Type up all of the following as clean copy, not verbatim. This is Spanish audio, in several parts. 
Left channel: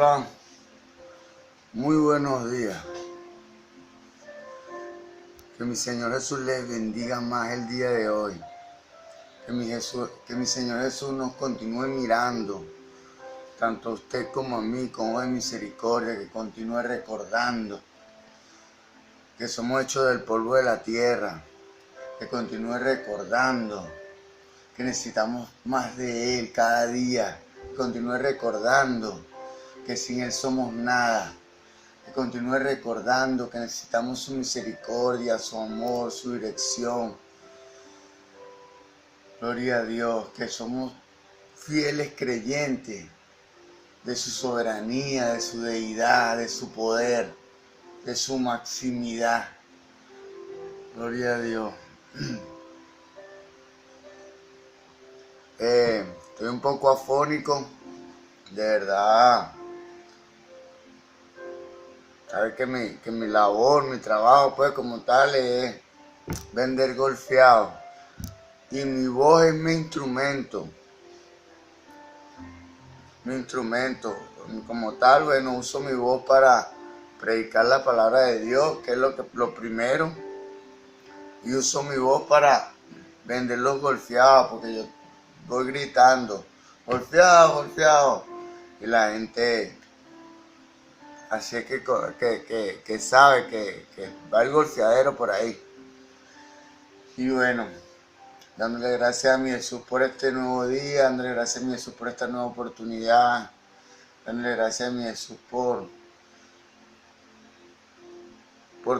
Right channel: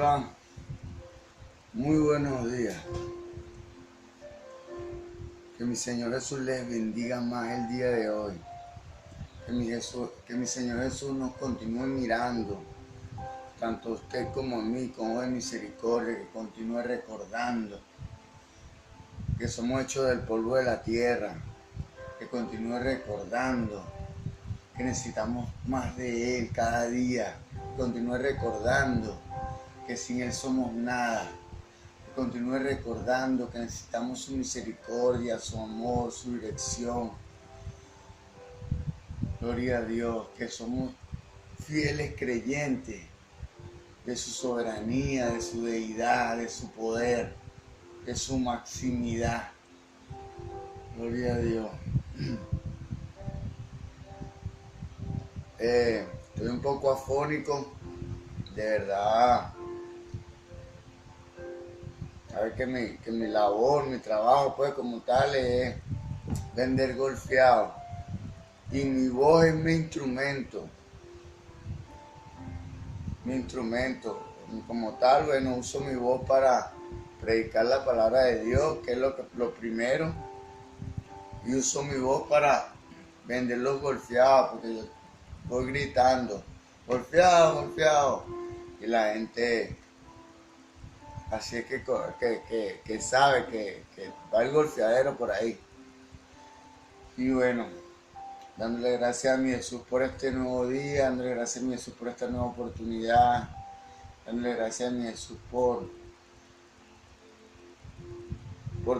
Hola, muy buenos días. Que mi Señor Jesús les bendiga más el día de hoy. Que mi Señor Jesús nos continúe mirando, tanto a usted como a mí, con ojos de misericordia, que continúe recordando que somos hechos del polvo de la tierra, que continúe recordando que necesitamos más de Él cada día, que continúe recordando que sin Él somos nada. Que continúe recordando que necesitamos su misericordia, su amor, su dirección. Gloria a Dios, que somos fieles creyentes de su soberanía, de su deidad, de su poder, de su maximidad. Gloria a Dios. Estoy un poco afónico, de verdad. Sabes que mi labor, mi trabajo, pues como tal, es vender golfeado. Y mi voz es mi instrumento. Mi instrumento. Como tal, bueno, uso mi voz para predicar la palabra de Dios, que es lo primero. Y uso mi voz para vender los golfeados, porque yo voy gritando, golfeado, golfeado. Y la gente... Así es que sabe que va el golfeadero por ahí. Y bueno, dándole gracias a mi Jesús por este nuevo día, dándole gracias a mi Jesús por esta nueva oportunidad, dándole gracias a mi Jesús por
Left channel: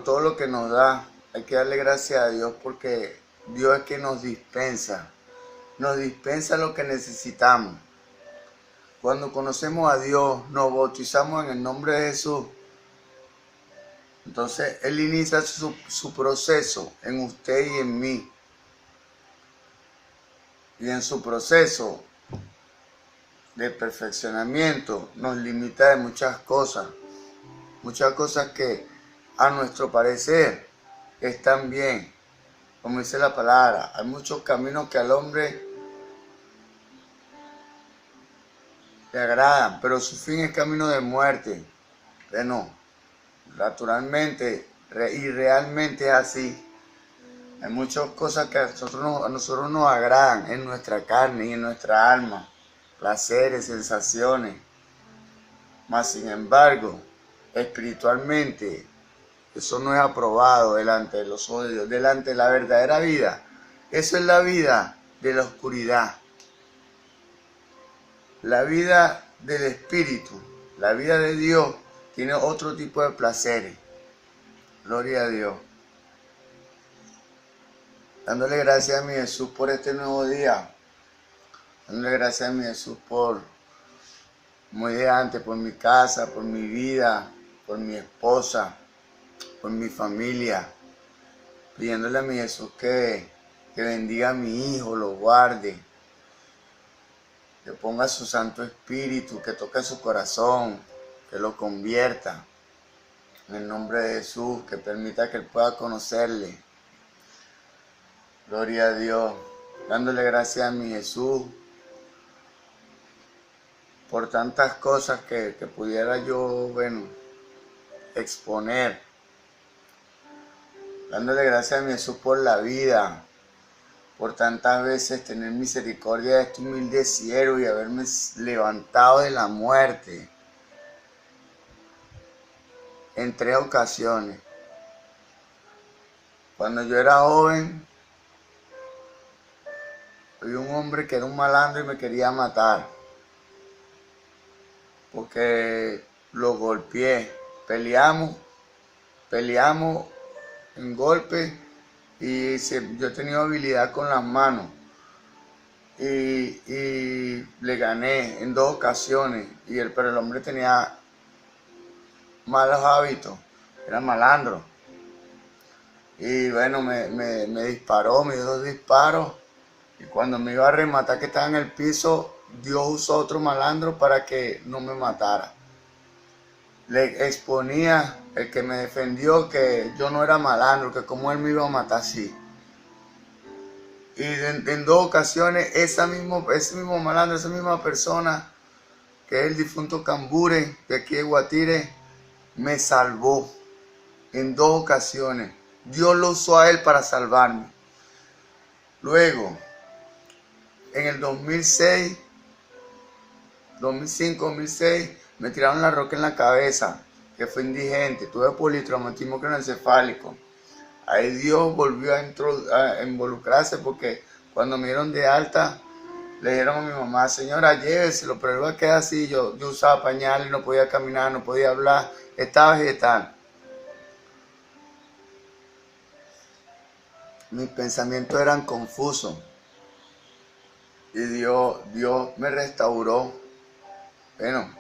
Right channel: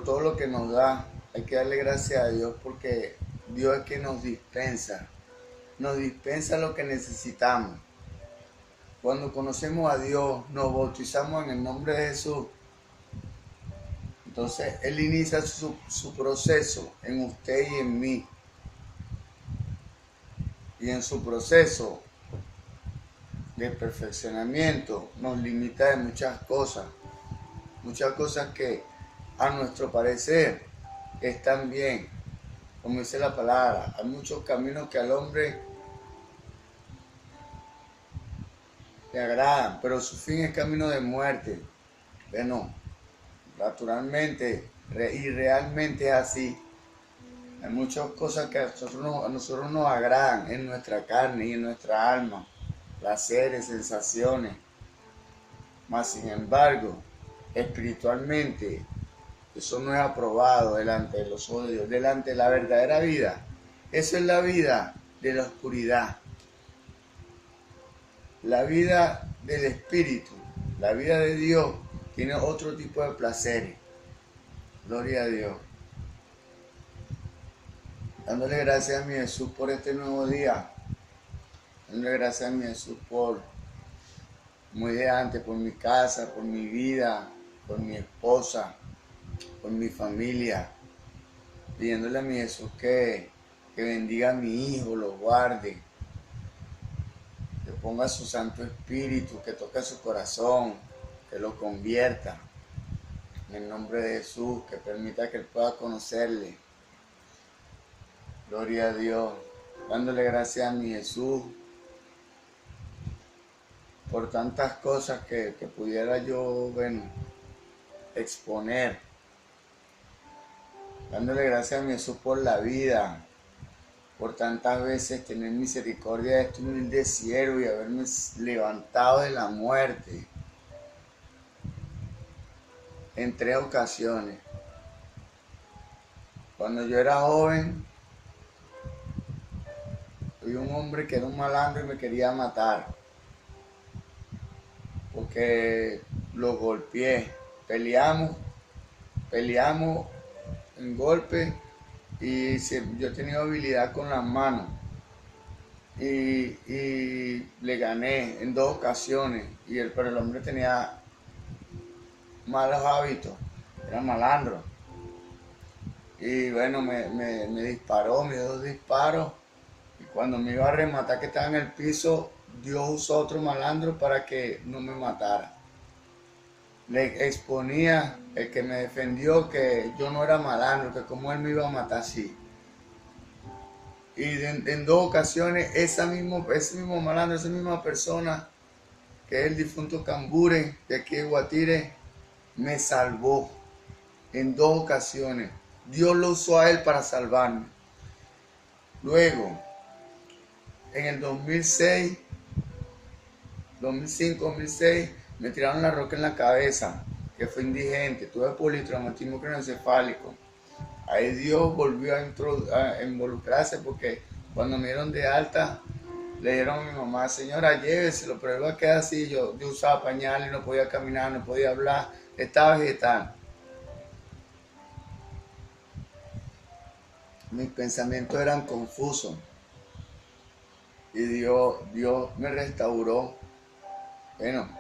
todo lo que nos da. Hay que darle gracias a Dios porque Dios es quien nos dispensa lo que necesitamos. Cuando conocemos a Dios, nos bautizamos en el nombre de Jesús. Entonces, Él inicia su proceso en usted y en mí. Y en su proceso de perfeccionamiento nos limita de muchas cosas que a nuestro parecer están bien. Como dice la palabra, hay muchos caminos que al hombre le agradan, pero su fin es camino de muerte. Bueno, naturalmente y realmente es así. Hay muchas cosas que a nosotros nos agradan en nuestra carne y en nuestra alma, placeres, sensaciones. Mas sin embargo, espiritualmente, eso no es aprobado delante de los ojos de Dios, delante de la verdadera vida. Eso es la vida de la oscuridad. La vida del Espíritu, la vida de Dios, tiene otro tipo de placeres. Gloria a Dios. Dándole gracias a mi Jesús por este nuevo día. Dándole gracias a mi Jesús por, como dije antes, por mi casa, por mi vida, por mi esposa, por mi familia. Pidiéndole a mi Jesús que bendiga a mi hijo, lo guarde. Que ponga su Santo Espíritu, que toque su corazón, que lo convierta. En el nombre de Jesús, que permita que él pueda conocerle. Gloria a Dios. Dándole gracias a mi Jesús por tantas cosas que pudiera yo, exponer. Dándole gracias a mi Jesús por la vida, por tantas veces tener misericordia de este humilde siervo y haberme levantado de la muerte en 3 ocasiones. Cuando yo era joven, había un hombre que era un malandro y me quería matar porque lo golpeé. Peleamos en golpe y yo he tenido habilidad con las manos y le gané en 2 ocasiones, pero el hombre tenía malos hábitos, era malandro. Y bueno, me disparó, me dio 2 disparos. Y cuando me iba a rematar, que estaba en el piso, Dios usó otro malandro para que no me matara. Le exponía el que me defendió que yo no era malandro, que como él me iba a matar así. Y en 2 ocasiones ese mismo malandro, esa misma persona que es el difunto Cambure, de aquí de Guatire, me salvó en 2 ocasiones. Dios lo usó a él para salvarme. Luego, en el 2006, 2005, 2006, me tiraron la roca en la cabeza, que fue indigente, tuve politraumatismo craneoencefálico. Ahí Dios volvió a involucrarse porque cuando me dieron de alta, le dijeron a mi mamá, señora, lléveselo, pero él va a quedar así. Yo usaba pañales y no podía caminar, no podía hablar, estaba vegetal. Mis pensamientos eran confusos y Dios me restauró. Bueno,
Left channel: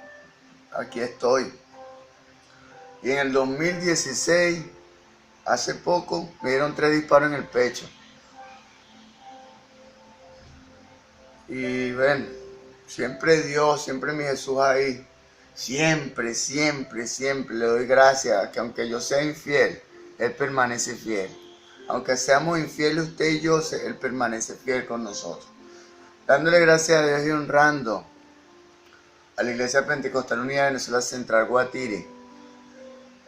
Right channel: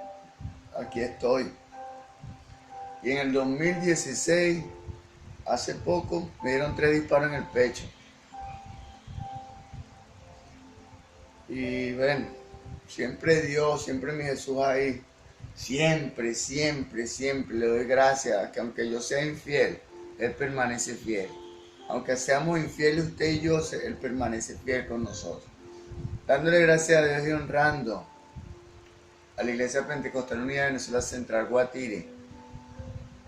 aquí estoy. Y en el 2016, hace poco, me dieron 3 disparos en el pecho. Y ven, siempre Dios, siempre mi Jesús ahí. Siempre, siempre, siempre le doy gracias a que aunque yo sea infiel, Él permanece fiel. Aunque seamos infieles usted y yo, Él permanece fiel con nosotros. Dándole gracias a Dios y honrando a la Iglesia Pentecostal Unida de Venezuela Central Guatire.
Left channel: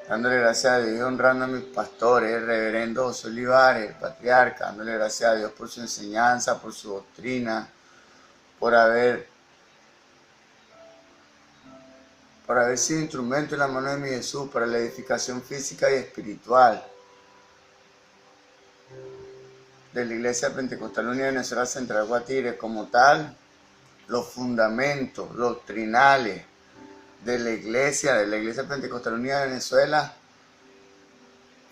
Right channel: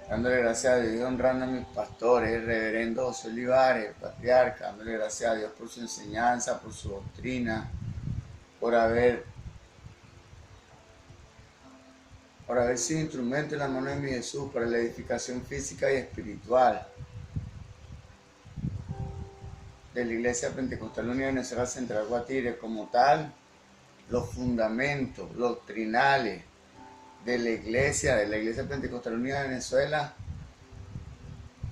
Dándole gracias a Dios y honrando a mis pastores, el reverendo José Olivares, el patriarca. Dándole gracias a Dios por su enseñanza, por su doctrina, por haber sido instrumento en la mano de mi Jesús para la edificación física y espiritual de la Iglesia Pentecostal Unida de Venezuela Central Guatire. Como tal, los fundamentos doctrinales de la Iglesia Pentecostal Unida de Venezuela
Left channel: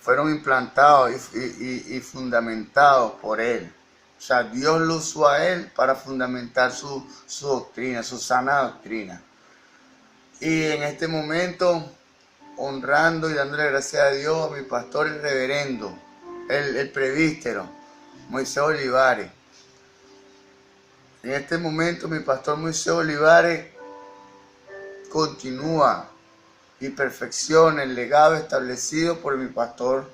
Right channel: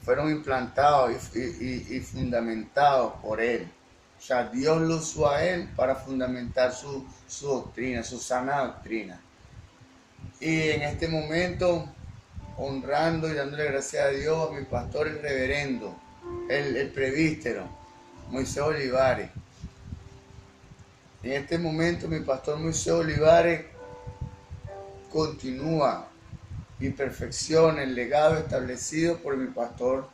fueron implantados y fundamentados por Él. O sea, Dios lo usó a Él para fundamentar su doctrina, su sana doctrina. Y en este momento, honrando y dándole gracias a Dios a mi pastor, el reverendo, el presbítero, Moisés Olivares. En este momento, mi pastor Moisés Olivares continúa y perfecciona el legado establecido por mi pastor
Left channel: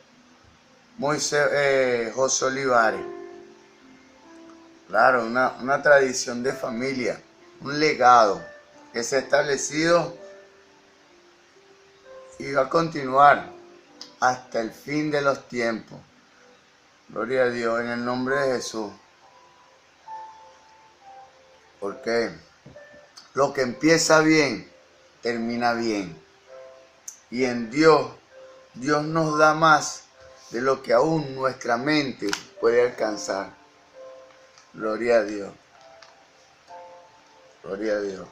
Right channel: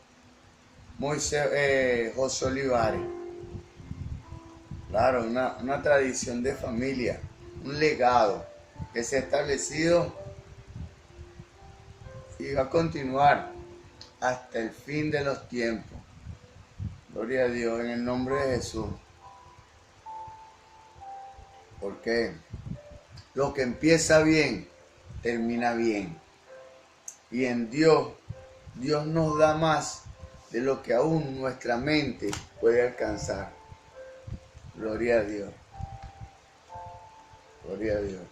José Olivares. Claro, una tradición de familia, un legado que se ha establecido y va a continuar hasta el fin de los tiempos. Gloria a Dios, en el nombre de Jesús. Porque lo que empieza bien, termina bien. Y en Dios nos da más de lo que aún nuestra mente puede alcanzar. Gloria a Dios. Gloria a Dios.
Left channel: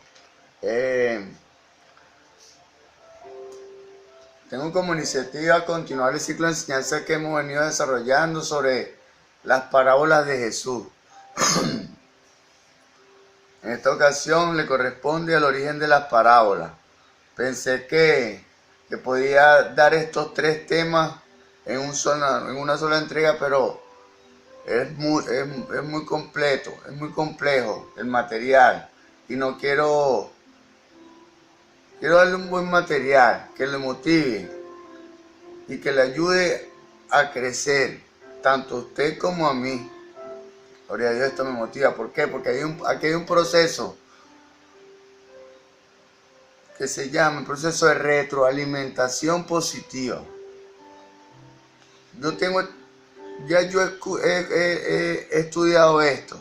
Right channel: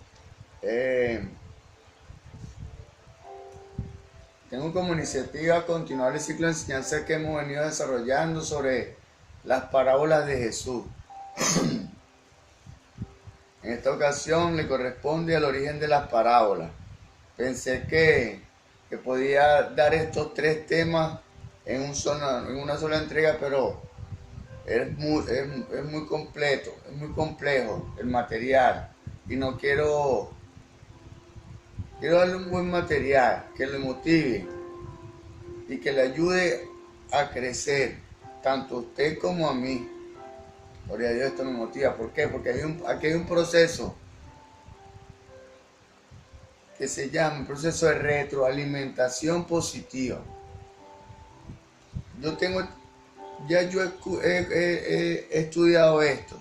Tengo como iniciativa continuar el ciclo de enseñanza que hemos venido desarrollando sobre las parábolas de Jesús. En esta ocasión le corresponde al origen de las parábolas. Pensé que podía dar estos 3 temas en una sola entrega, pero es muy completo, es muy complejo el material. Y no quiero darle un buen material que le motive y que le ayude a crecer, tanto a usted como a mí. Gloria a Dios, esto me motiva. ¿Por qué? Porque aquí hay un proceso que se llama el proceso de retroalimentación positiva. Yo he estudiado esto,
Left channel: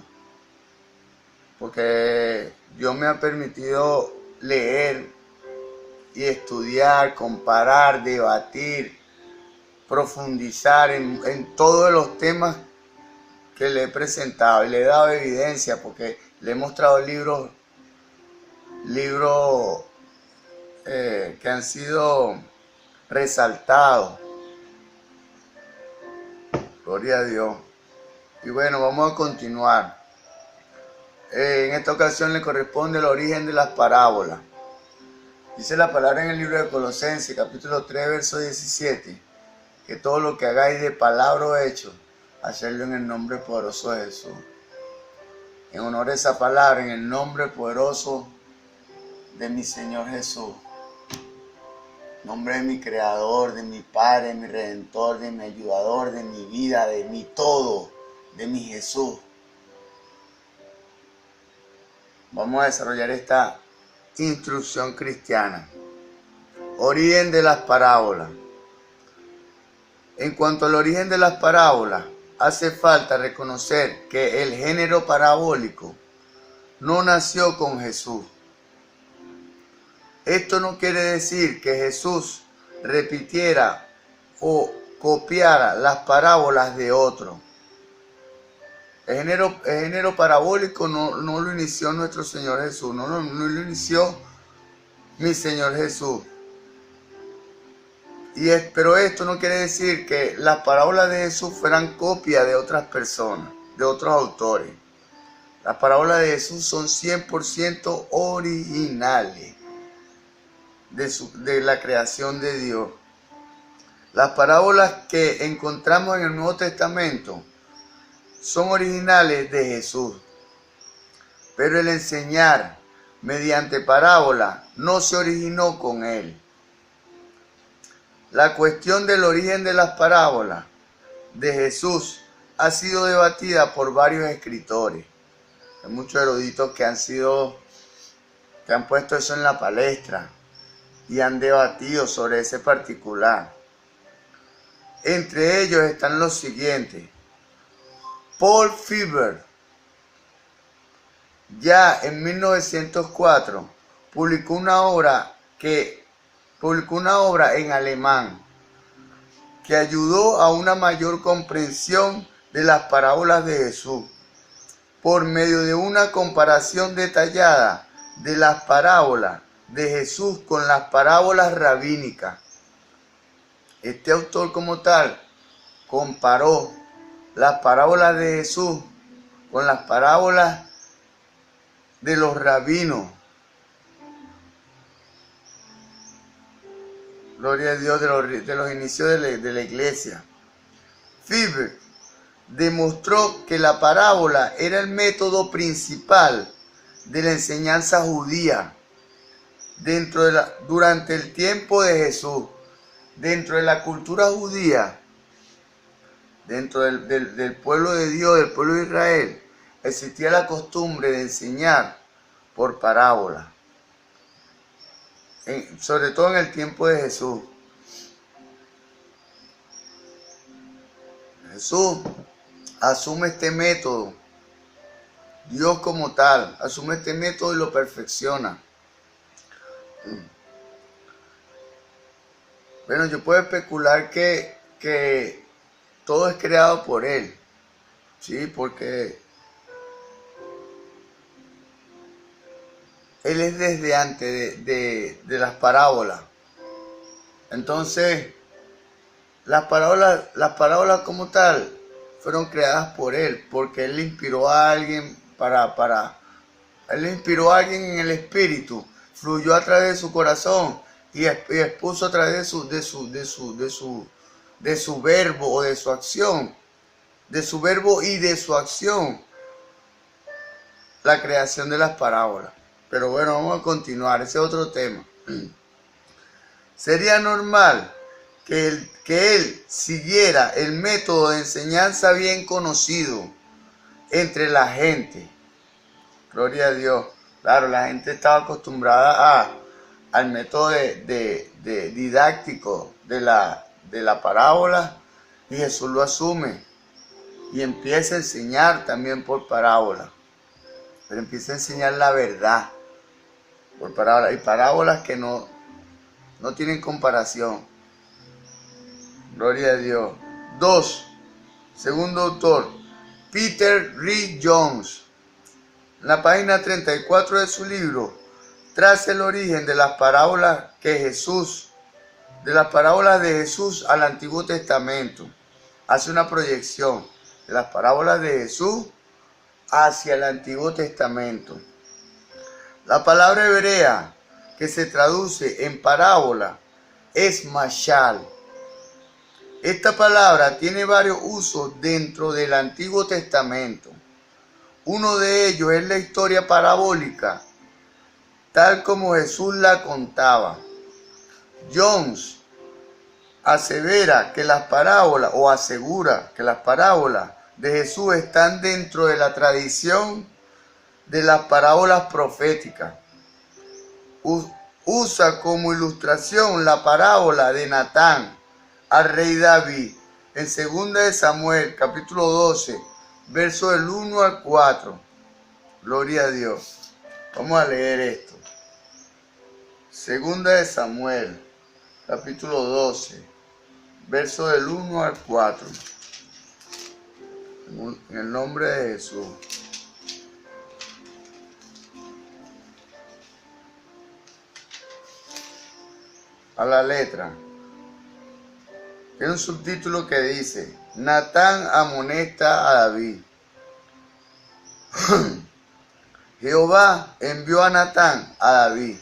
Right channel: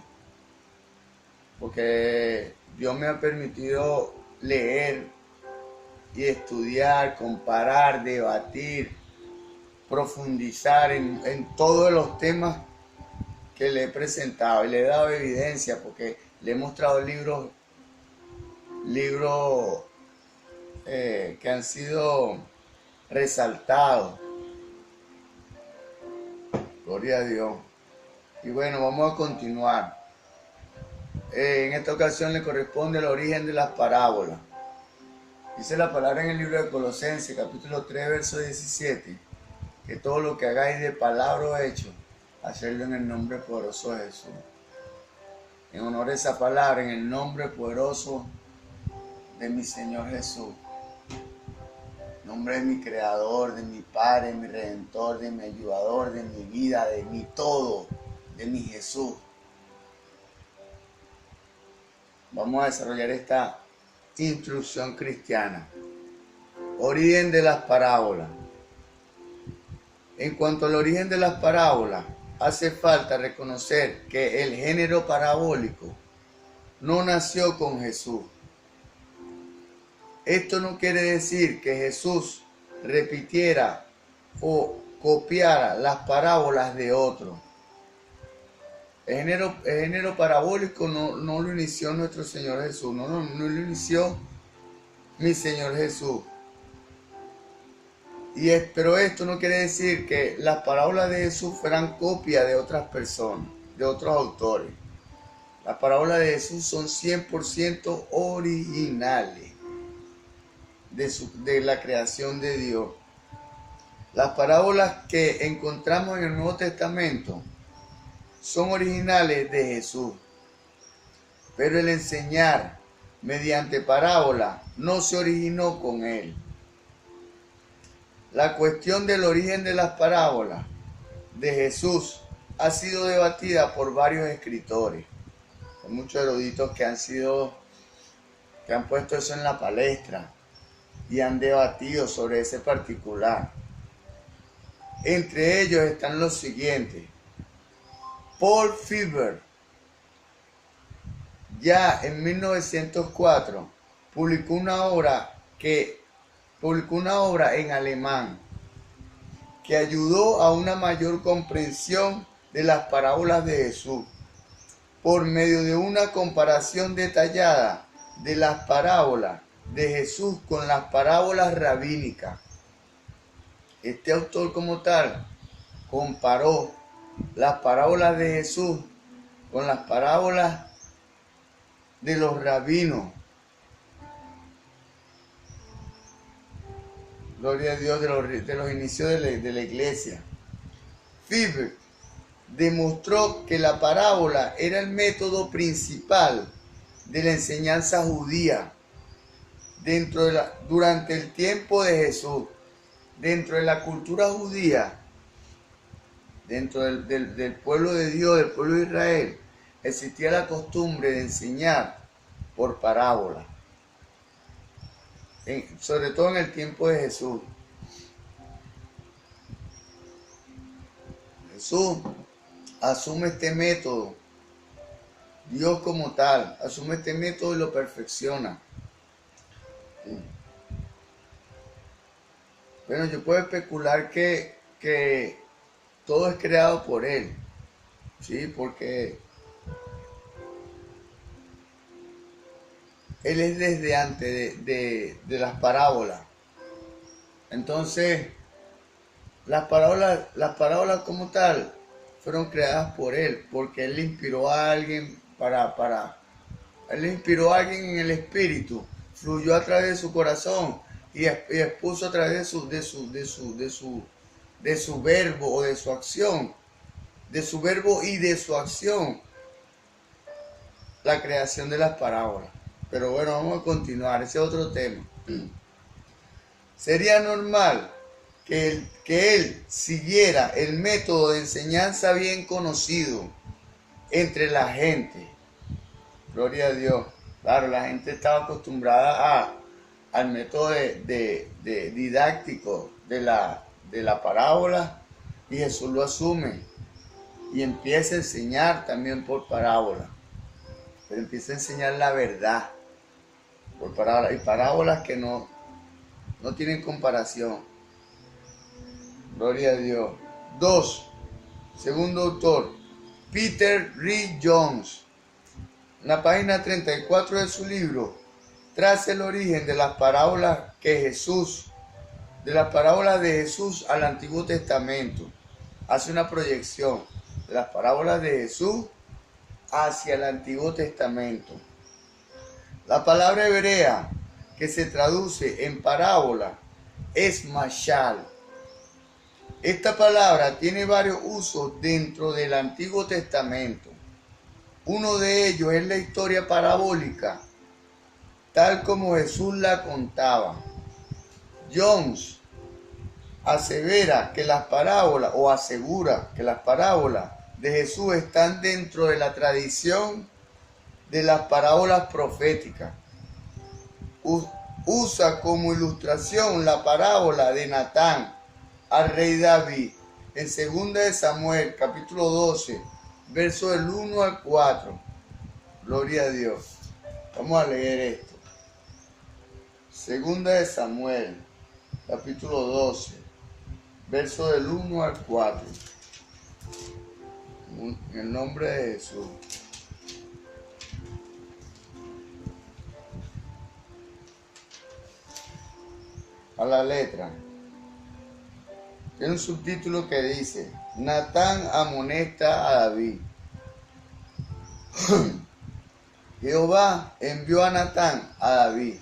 porque Dios me ha permitido leer y estudiar, comparar, debatir, profundizar en todos los temas que le he presentado y le he dado evidencia, porque le he mostrado libros que han sido resaltados. Gloria a Dios. Y bueno, vamos a continuar. En esta ocasión le corresponde el origen de las parábolas. Dice la palabra en el libro de Colosenses, capítulo 3, verso 17, que todo lo que hagáis de palabra o hecho, hacerlo en el nombre poderoso de Jesús. En honor a esa palabra, en el nombre poderoso de mi Señor Jesús. En nombre de mi Creador, de mi Padre, de mi Redentor, de mi Ayudador, de mi vida, de mi todo, de mi Jesús. Vamos a desarrollar esta instrucción cristiana. Origen de las parábolas. En cuanto al origen de las parábolas, hace falta reconocer que el género parabólico no nació con Jesús. Esto no quiere decir que Jesús repitiera o copiara las parábolas de otro. El género parabólico no lo inició nuestro Señor Jesús, no lo inició mi Señor Jesús. Pero esto no quiere decir que las parábolas de Jesús fueran copia de otras personas, de otros autores. Las parábolas de Jesús son 100% originales de la creación de Dios. Las parábolas que encontramos en el Nuevo Testamento son originales de Jesús, pero el enseñar mediante parábola no se originó con él. La cuestión del origen de las parábolas de Jesús ha sido debatida por varios escritores. Hay muchos eruditos que han puesto eso en la palestra y han debatido sobre ese particular. Entre ellos están los siguientes. Paul Fieber, ya en 1904, publicó una obra en alemán que ayudó a una mayor comprensión de las parábolas de Jesús por medio de una comparación detallada de las parábolas de Jesús con las parábolas rabínicas. Este autor como tal comparó las parábolas de Jesús con las parábolas de los rabinos. Gloria a Dios, de los inicios de la iglesia. Fieber demostró que la parábola era el método principal de la enseñanza judía durante el tiempo de Jesús. Dentro de la cultura judía, dentro del pueblo de Dios, del pueblo de Israel, existía la costumbre de enseñar por parábola. Sobre todo en el tiempo de Jesús. Jesús asume este método, Dios como tal, asume este método y lo perfecciona. Bueno, yo puedo especular que todo es creado por Él, ¿sí? Porque Él es desde antes de las parábolas. Entonces, las parábolas como tal fueron creadas por Él, porque Él le inspiró a alguien Él le inspiró a alguien en el espíritu, fluyó a través de su corazón y expuso a través de su verbo o de su acción, de su verbo y de su acción, la creación de las parábolas. Pero bueno, vamos a continuar, ese es otro tema. Sería normal que él siguiera el método de enseñanza bien conocido entre la gente. Gloria a Dios. Claro, la gente estaba acostumbrada al método de didáctico de la parábola, y Jesús lo asume y empieza a enseñar también por parábola, pero empieza a enseñar la verdad por parábola, y parábolas que no tienen comparación. Gloria a Dios. 2. Segundo autor, Peter Reed Jones. En la página 34 de su libro, traza el origen de las parábolas de Jesús al Antiguo Testamento. Hace una proyección de las parábolas de Jesús hacia el Antiguo Testamento. La palabra hebrea que se traduce en parábola es mashal. Esta palabra tiene varios usos dentro del Antiguo Testamento. Uno de ellos es la historia parabólica, tal como Jesús la contaba. Jones asegura que las parábolas de Jesús están dentro de la tradición de las parábolas proféticas. usa como ilustración la parábola de Natán al rey David en 2 de Samuel, capítulo 12, verso del 1 al 4. Gloria a Dios. Vamos a leer esto. 2 de Samuel, capítulo 12, verso del 1 al 4. En el nombre de Jesús. A la letra. Tiene un subtítulo que dice: Natán amonesta a David. Jehová envió a Natán a David,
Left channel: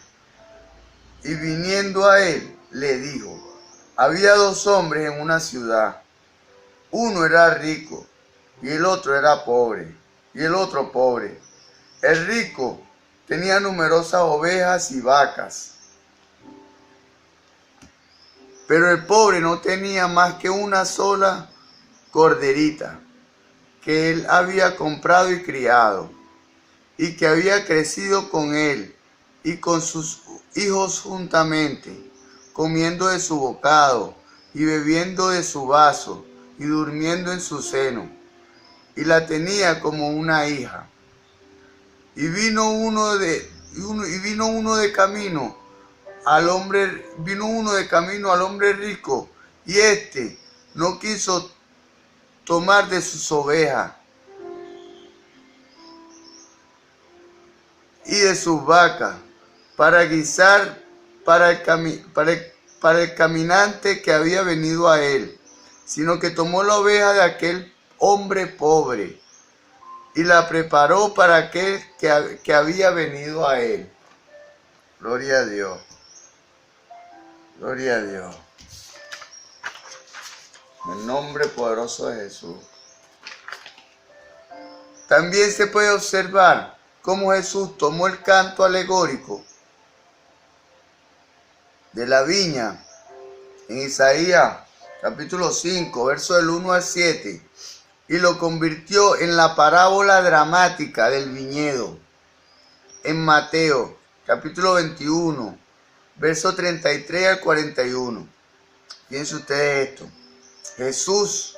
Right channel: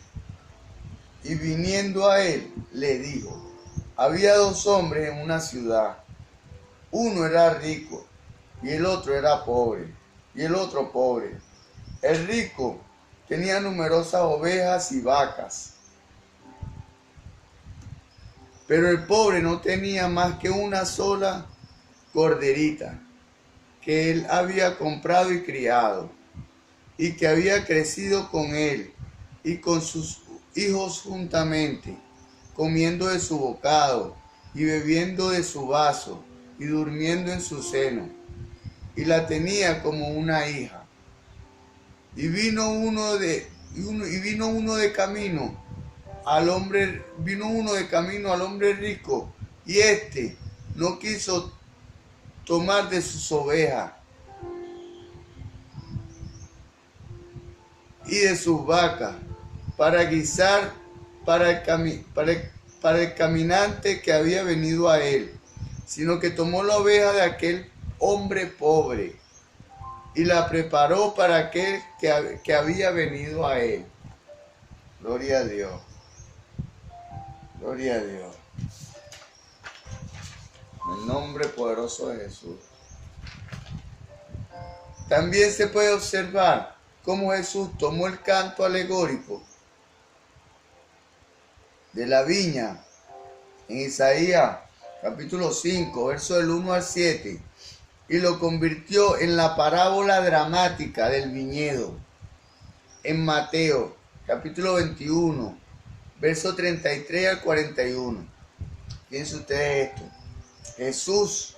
y viniendo a él, le dijo: había 2 hombres en una ciudad. Uno era rico, y el otro era pobre, y el otro pobre. El rico tenía numerosas ovejas y vacas, pero el pobre no tenía más que una sola corderita, que él había comprado y criado, y que había crecido con él y con sus hijos juntamente, comiendo de su bocado y bebiendo de su vaso y durmiendo en su seno, y la tenía como una hija. Y vino uno de camino al hombre rico, y éste no quiso tomar de sus ovejas y de sus vacas para guisar para el caminante que había venido a él, sino que tomó la oveja de aquel hombre pobre y la preparó para aquel que había venido a él. Gloria a Dios. Gloria a Dios. En el nombre poderoso de Jesús. También se puede observar cómo Jesús tomó el canto alegórico de la viña en Isaías capítulo 5, verso del 1 al 7, y lo convirtió en la parábola dramática del viñedo en Mateo capítulo 21, verso 33 al 41. Piensen ustedes esto. Jesús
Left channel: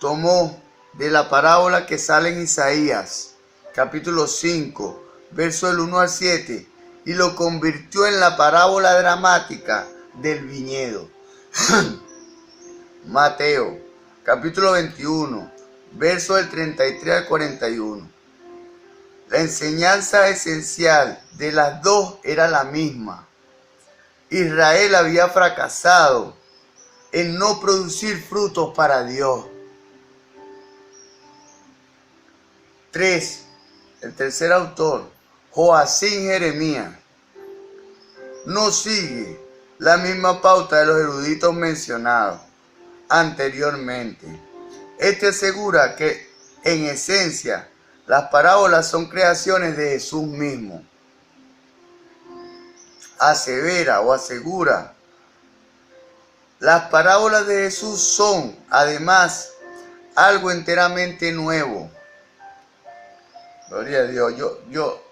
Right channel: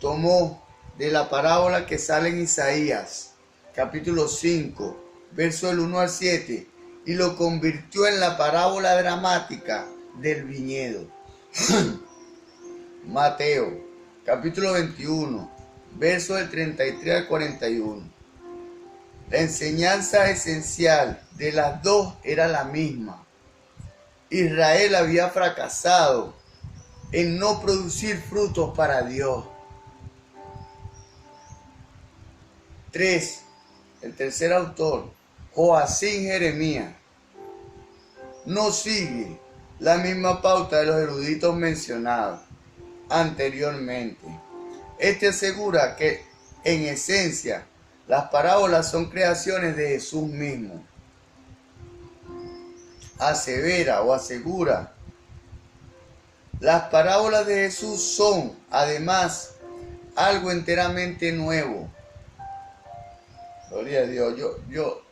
tomó de la parábola que sale en Isaías capítulo 5, verso del 1 al 7, y lo convirtió en la parábola dramática del viñedo. Mateo, capítulo 21, verso del 33 al 41. La enseñanza esencial de las dos era la misma. Israel había fracasado en no producir frutos para Dios. 3. El tercer autor, Joacim Jeremías, no sigue la misma pauta de los eruditos mencionados anteriormente. Este asegura que, en esencia, las parábolas son creaciones de Jesús mismo. Asevera o asegura: las parábolas de Jesús son, además, algo enteramente nuevo. Gloria a Dios. Yo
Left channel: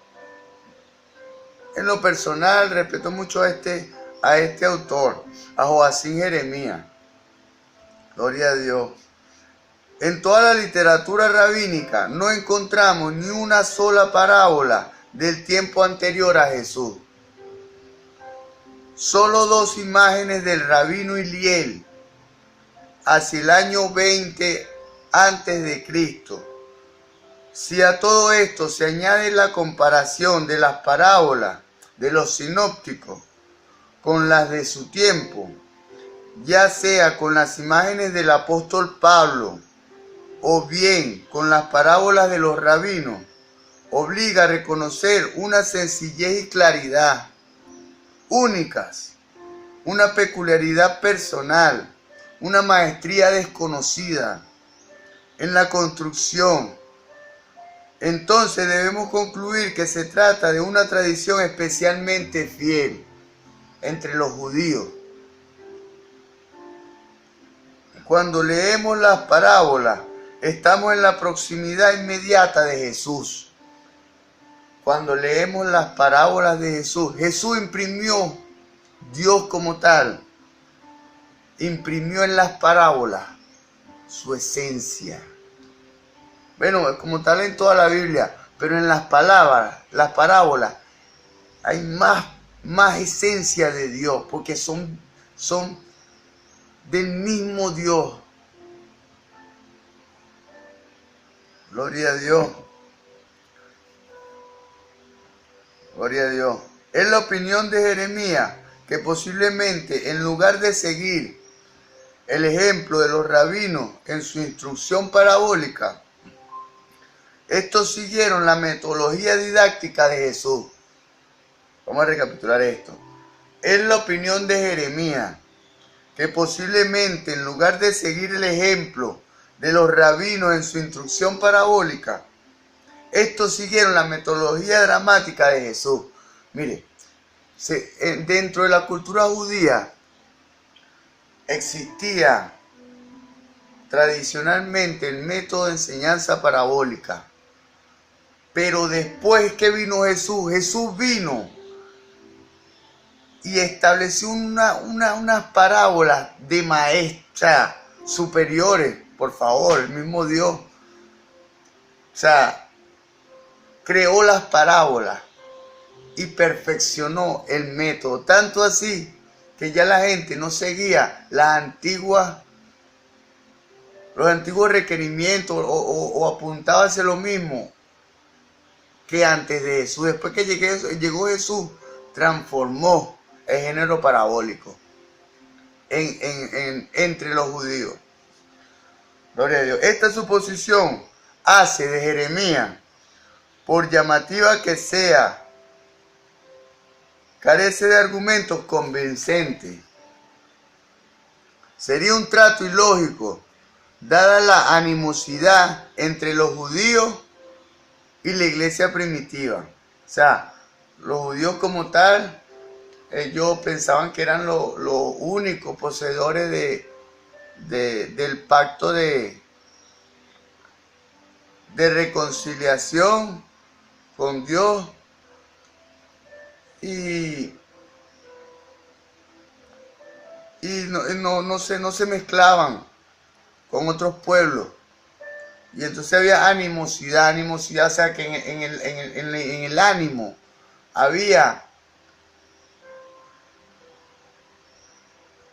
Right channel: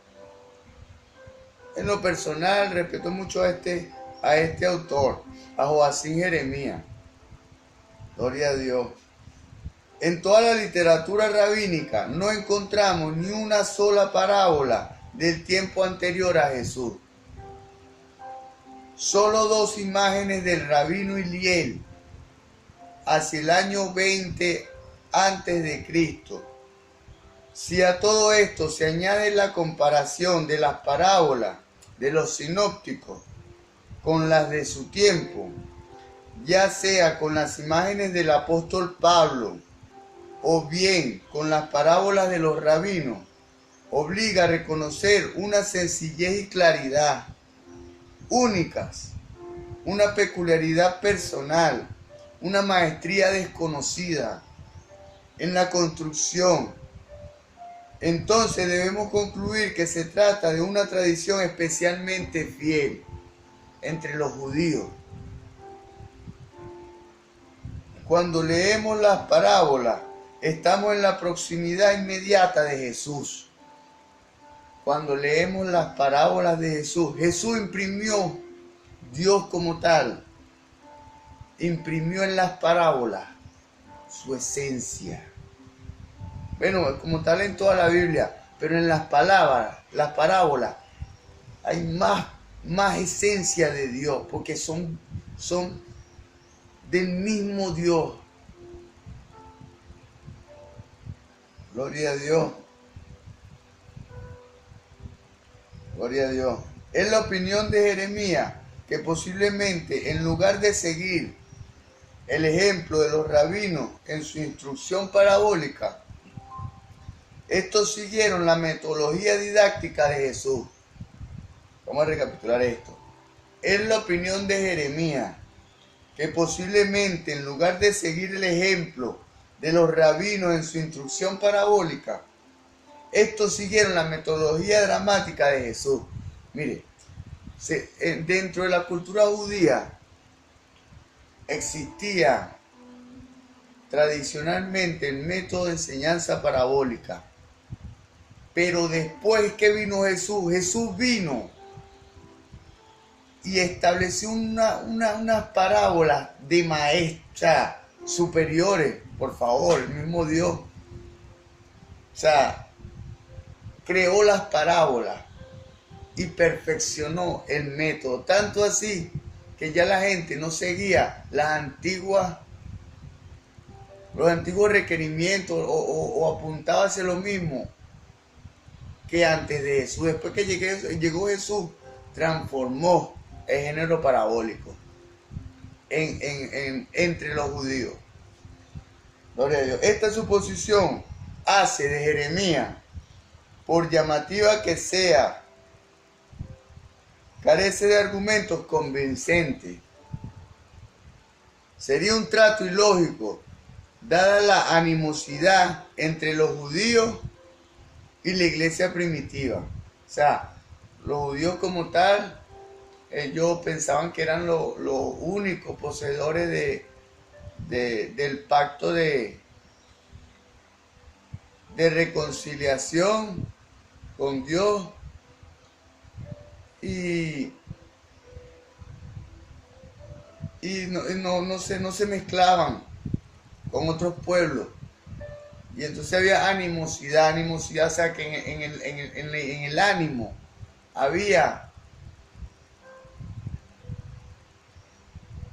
en lo personal respeto mucho a este autor, a Joacim Jeremías. Gloria a Dios. En toda la literatura rabínica no encontramos ni una sola parábola del tiempo anterior a Jesús. Solo 2 imágenes del rabino Hillel hacia el año 20 antes de Cristo. Si a todo esto se añade la comparación de las parábolas de los sinópticos con las de su tiempo, ya sea con las imágenes del apóstol Pablo o bien con las parábolas de los rabinos, obliga a reconocer una sencillez y claridad únicas, una peculiaridad personal, una maestría desconocida en la construcción. Entonces debemos concluir que se trata de una tradición especialmente fiel entre los judíos. Cuando leemos las parábolas, estamos en la proximidad inmediata de Jesús. cuando leemos las parábolas de Jesús, Jesús imprimió Dios como tal, imprimió en las parábolas su esencia. Bueno, como tal en toda la Biblia, pero en las palabras, las parábolas, hay más esencia de Dios, porque son del mismo Dios. Gloria a Dios. Gloria a Dios. Es la opinión de Jeremías que posiblemente en lugar de seguir el ejemplo de los rabinos en su instrucción parabólica, estos siguieron la metodología didáctica de Jesús. Vamos a recapitular esto. Es la opinión de Jeremías que posiblemente en lugar de seguir el ejemplo de los rabinos en su instrucción parabólica, estos siguieron la metodología dramática de Jesús. Mire, dentro de la cultura judía existía tradicionalmente el método de enseñanza parabólica. Pero después que vino Jesús, Jesús vino y estableció unas parábolas de maestra superiores, por favor, el mismo Dios. O sea, creó las parábolas y perfeccionó el método, tanto así que ya la gente no seguía los antiguos requerimientos o apuntaba hacia lo mismo que antes de Jesús. Después que llegó Jesús, transformó el género parabólico entre los judíos. Gloria a Dios. Esta suposición hace de Jeremías, por llamativa que sea, carece de argumentos convincentes. Sería un trato ilógico, dada la animosidad entre los judíos y la iglesia primitiva. O sea, los judíos como tal, ellos pensaban que eran los únicos poseedores del pacto de reconciliación con Dios y no se mezclaban con otros pueblos. Y entonces había animosidad, o sea que en el ánimo había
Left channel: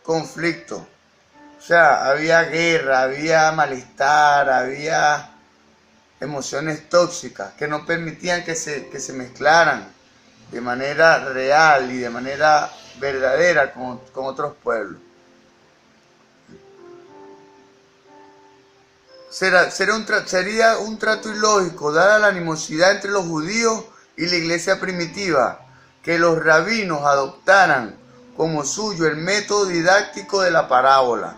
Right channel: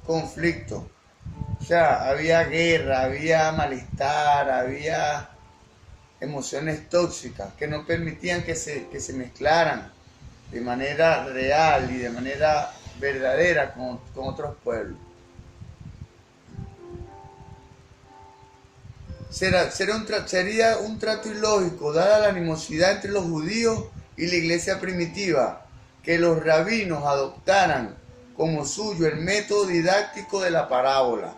conflicto. O sea, había guerra, había malestar, había emociones tóxicas que no permitían que se mezclaran de manera real y de manera verdadera con otros pueblos. Sería un trato ilógico, dada la animosidad entre los judíos y la iglesia primitiva, que los rabinos adoptaran como suyo el método didáctico de la parábola,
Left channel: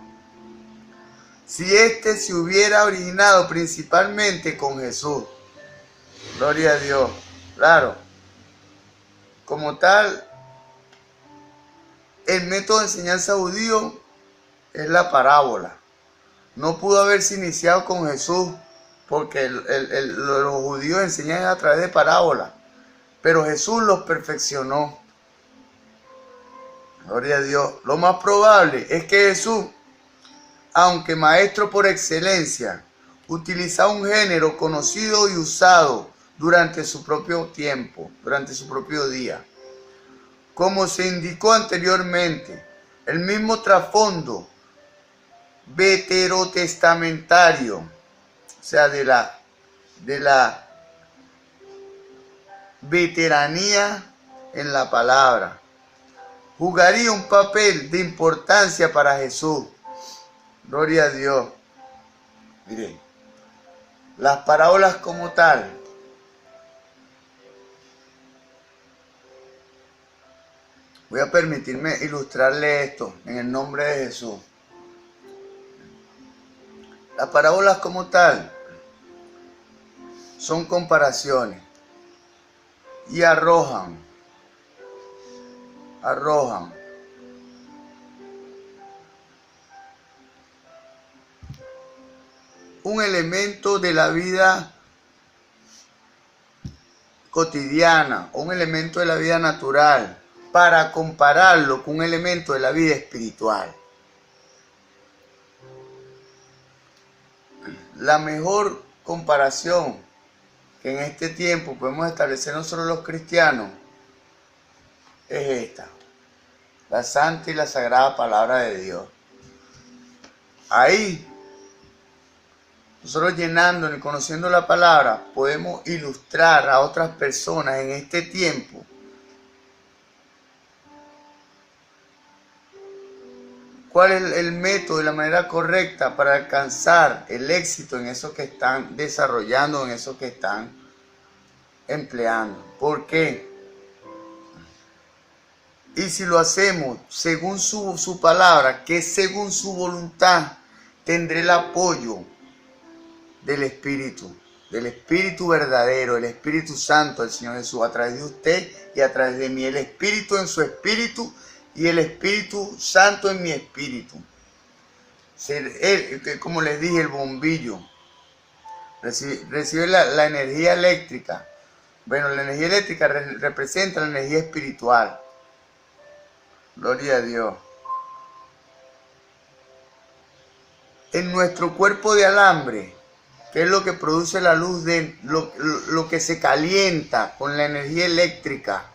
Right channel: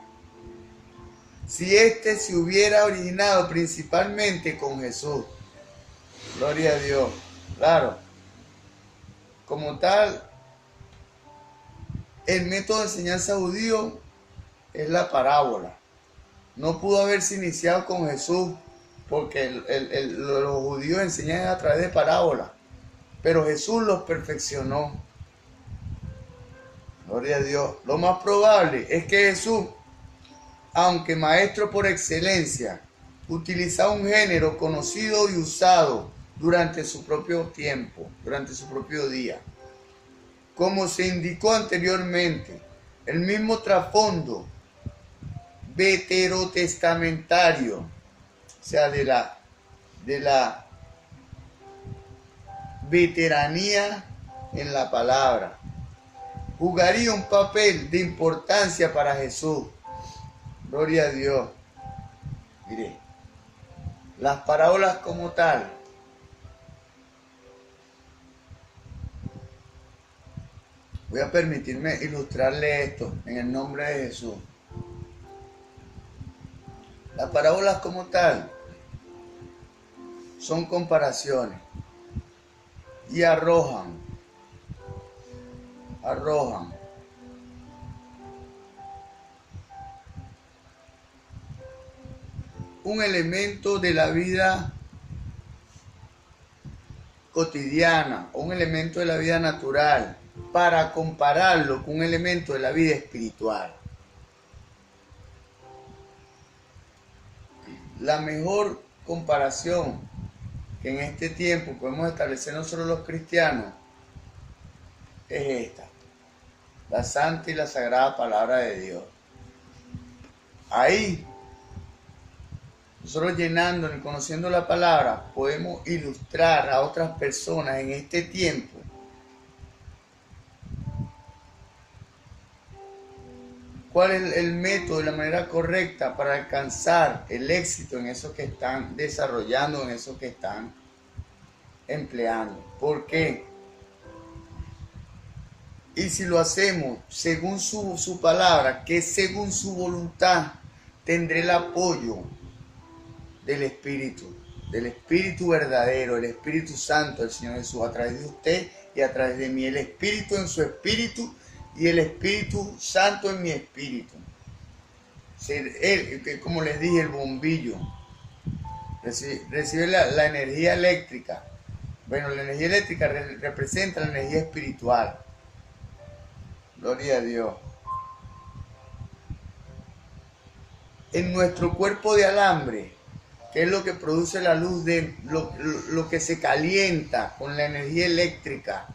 si éste se hubiera originado principalmente con Jesús. Gloria a Dios. Claro, como tal, el método de enseñanza judío es la parábola. No pudo haberse iniciado con Jesús porque los judíos enseñan a través de parábolas, pero Jesús los perfeccionó. Gloria a Dios. Lo más probable es que Jesús, aunque maestro por excelencia, utilizaba un género conocido y usado durante su propio tiempo, durante su propio día. Como se indicó anteriormente, el mismo trasfondo veterotestamentario, o sea, de la veteranía en la palabra, jugaría un papel de importancia para Jesús. Gloria a Dios. Mire, las parábolas como tal voy a permitirme ilustrarle esto en el nombre de Jesús. Las parábolas como tal son comparaciones y arrojan un elemento de la vida cotidiana o un elemento de la vida natural para compararlo con un elemento de la vida espiritual. La mejor comparación que en este tiempo podemos establecer nosotros los cristianos es esta: la santa y la sagrada palabra de Dios. Ahí, nosotros llenándonos y conociendo la palabra, podemos ilustrar a otras personas en este tiempo cuál es el método y la manera correcta para alcanzar el éxito en eso que están desarrollando, en eso que están empleando. ¿Por qué? Y si lo hacemos según su palabra, que es según su voluntad, tendré el apoyo del Espíritu verdadero, el Espíritu Santo del Señor Jesús, a través de usted y a través de mí. El Espíritu en su espíritu y el Espíritu Santo en mi espíritu. Como les dije, el bombillo recibe la energía eléctrica. Bueno, la energía eléctrica representa la energía espiritual. Gloria a Dios. En nuestro cuerpo de alambre, que es lo que produce la luz, de lo que se calienta con la energía eléctrica,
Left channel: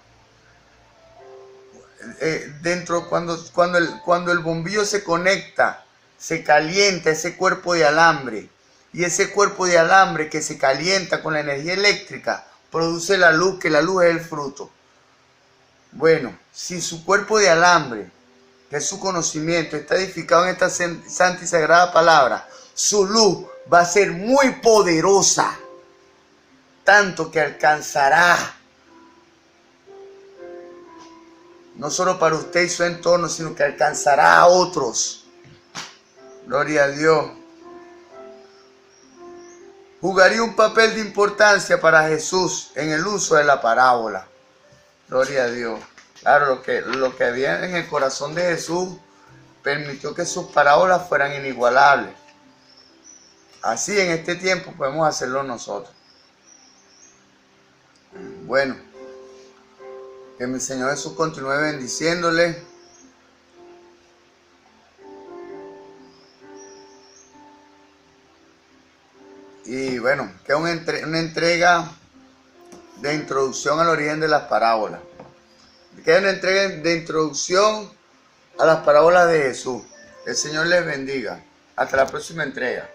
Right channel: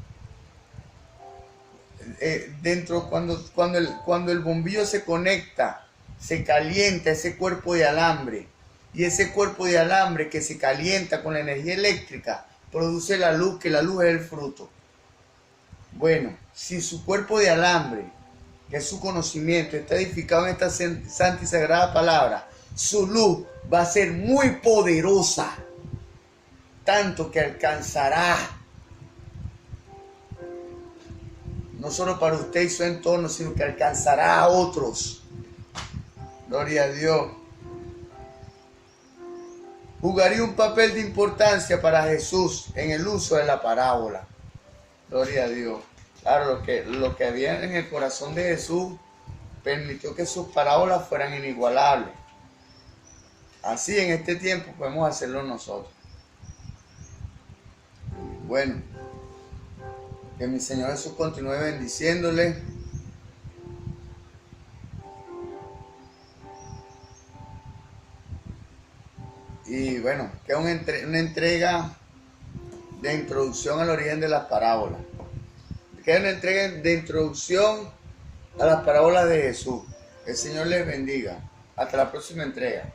cuando el bombillo se conecta, se calienta ese cuerpo de alambre, y ese cuerpo de alambre que se calienta con la energía eléctrica produce la luz, que la luz es el fruto. Bueno, si su cuerpo de alambre, que es su conocimiento, está edificado en esta santa y sagrada palabra, su luz va a ser muy poderosa, tanto que alcanzará no solo para usted y su entorno, sino que alcanzará a otros. Gloria a Dios. Jugaría un papel de importancia para Jesús en el uso de la parábola. Gloria a Dios. Claro, lo que había en el corazón de Jesús permitió que sus parábolas fueran inigualables. Así en este tiempo podemos hacerlo nosotros. Bueno, que mi Señor Jesús continúe bendiciéndole. Y bueno, que es una entrega de introducción al origen de las parábolas. Que es una entrega de introducción a las parábolas de Jesús. El Señor les bendiga. Hasta la próxima entrega.